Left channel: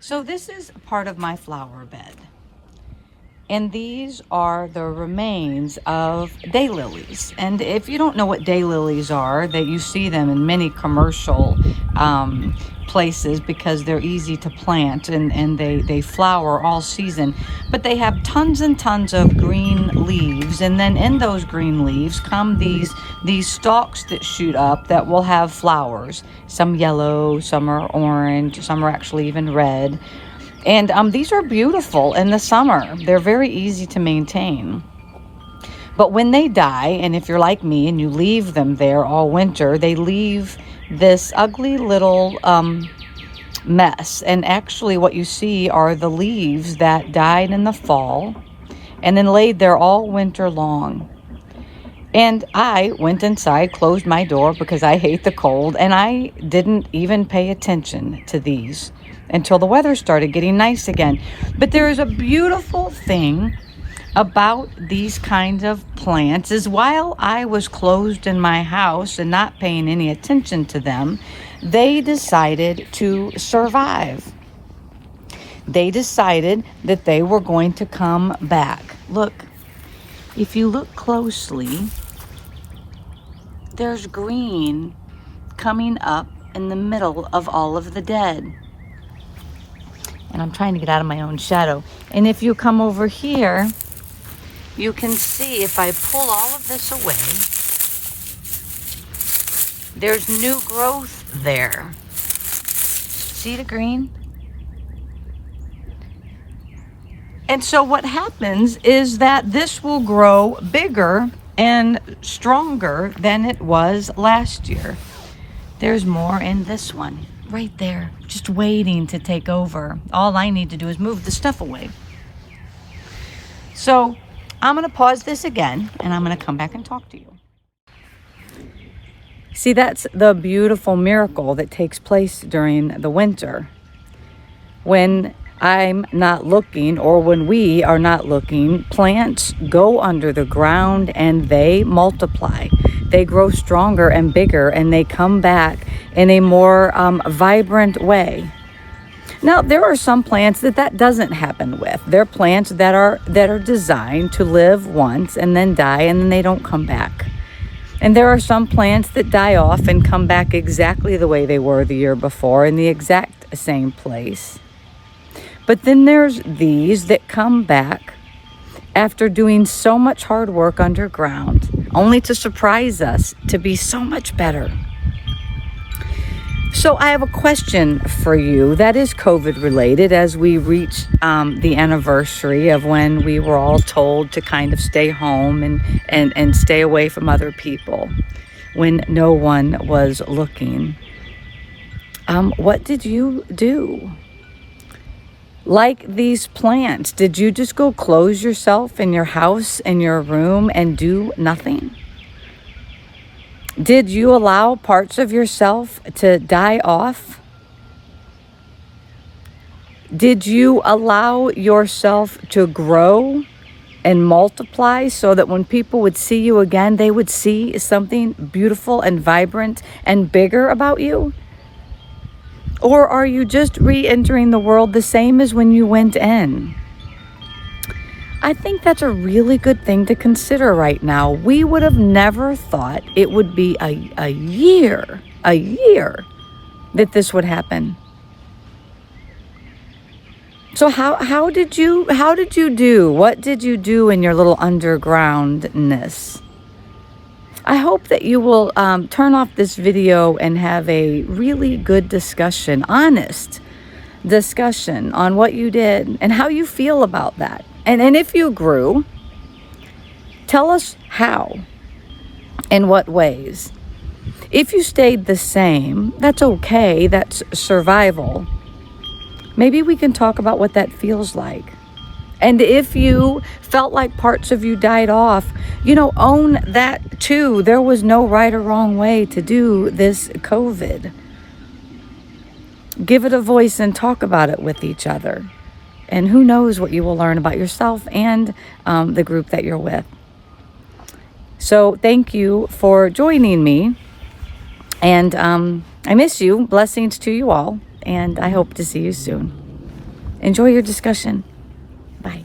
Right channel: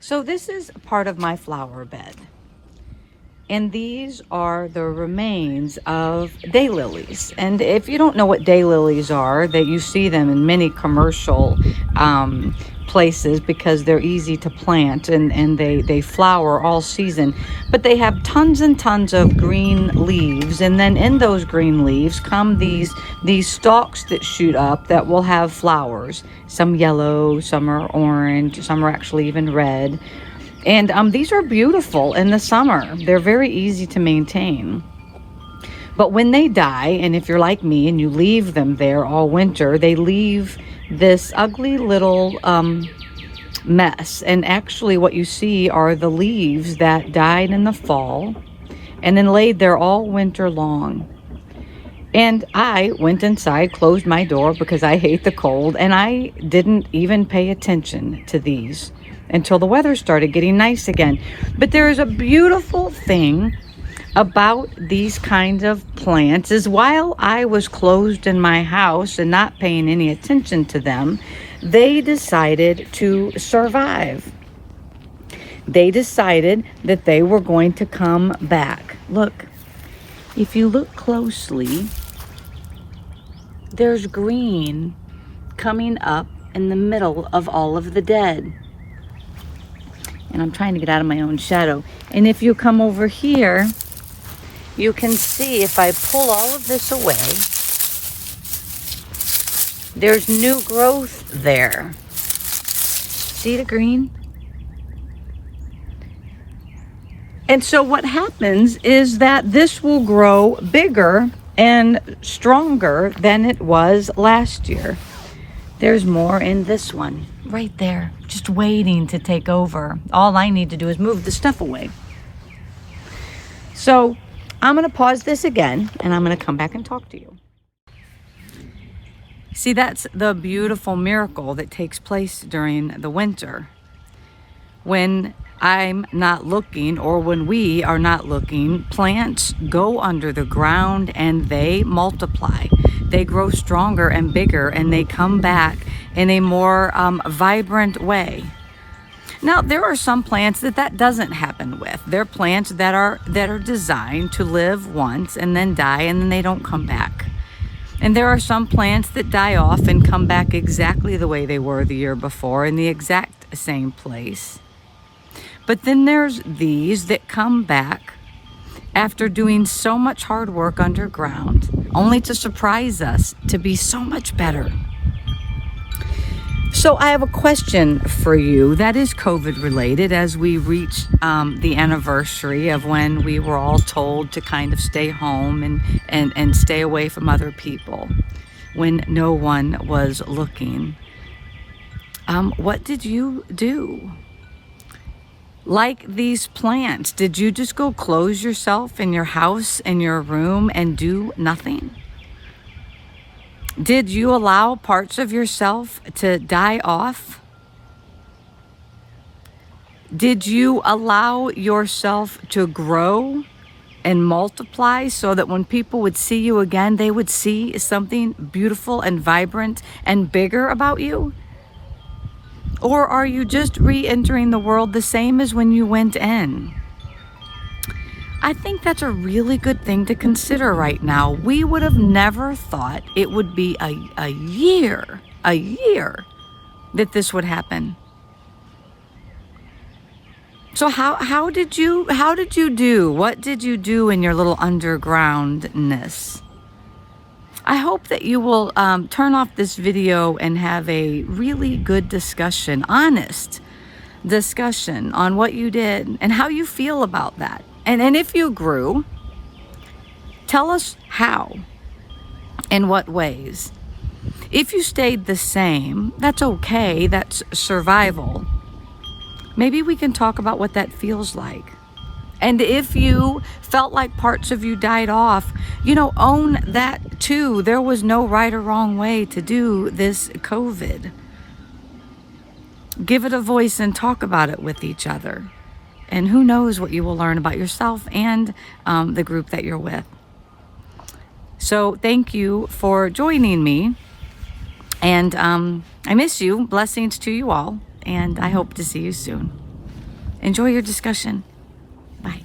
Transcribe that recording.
So this is part of my flower bed. And these are the remains of daylilies. And if you don't know what daylilies are, that you see them in many commercial places because they're easy to plant and they flower all season. But they have tons and tons of green leaves. And then in those green leaves come these stalks that shoot up that will have flowers. Some yellow, some are orange, some are actually even red. And these are beautiful in the summer. They're very easy to maintain. But when they die, and if you're like me and you leave them there all winter, they leave this ugly little mess. And actually what you see are the leaves that died in the fall and then laid there all winter long. And I went inside, closed my door because I hate the cold, and I didn't even pay attention to these until the weather started getting nice again. But there is a beautiful thing about these kinds of plants is while I was closed in my house and not paying any attention to them, they decided to survive. They decided that they were going to come back. Look, if you look closely, there's green coming up in the middle of all of the dead. And I'm trying to get out of my own shadow. And if you come over here, you can see if I pull all of this away, there's new growth there. See the green? And so what happens is that this will grow bigger and stronger than it was last year. There's more in this one right there, just waiting to take over. All I need to do is move the stuff away. So I'm going to pause this again and I'm going to come back and talk to you. See, that's the beautiful miracle that takes place during the winter. When I'm not looking, or when we are not looking, plants go under the ground and they multiply. They grow stronger and bigger, and they come back in a more vibrant way. Now, there are some plants that doesn't happen with. They're plants that are designed to live once and then die, and then they don't come back. And there are some plants that die off and come back exactly the way they were the year before, in the exact same place. But then there's these that come back after doing so much hard work underground, only to surprise us to be so much better. So I have a question for you that is COVID related as we reach the anniversary of when we were all told to kind of stay home and stay away from other people when no one was looking. What did you do? Like these plants, did you just go close yourself in your house, in your room, and do nothing? Did you allow parts of yourself to die off? Did you allow yourself to grow and multiply so that when people would see you again, they would see something beautiful and vibrant and bigger about you? Or are you just re-entering the world the same as when you went in? I think that's a really good thing to consider right now. We would have never thought it would be a year that this would happen. So how did you do? What did you do in your little undergroundness? I hope that you will turn off this video and have a really good discussion, honest discussion on what you did and how you feel about that. And if you grew, tell us how, in what ways. If you stayed the same, that's okay, that's survival. Maybe we can talk about what that feels like. And if you felt like parts of you died off, own that too. There was no right or wrong way to do this COVID. Give it a voice and talk about it with each other. And who knows what you will learn about yourself and the group that you're with. So thank you for joining me. And I miss you. Blessings to you all. And I hope to see you soon. Enjoy your discussion. Bye.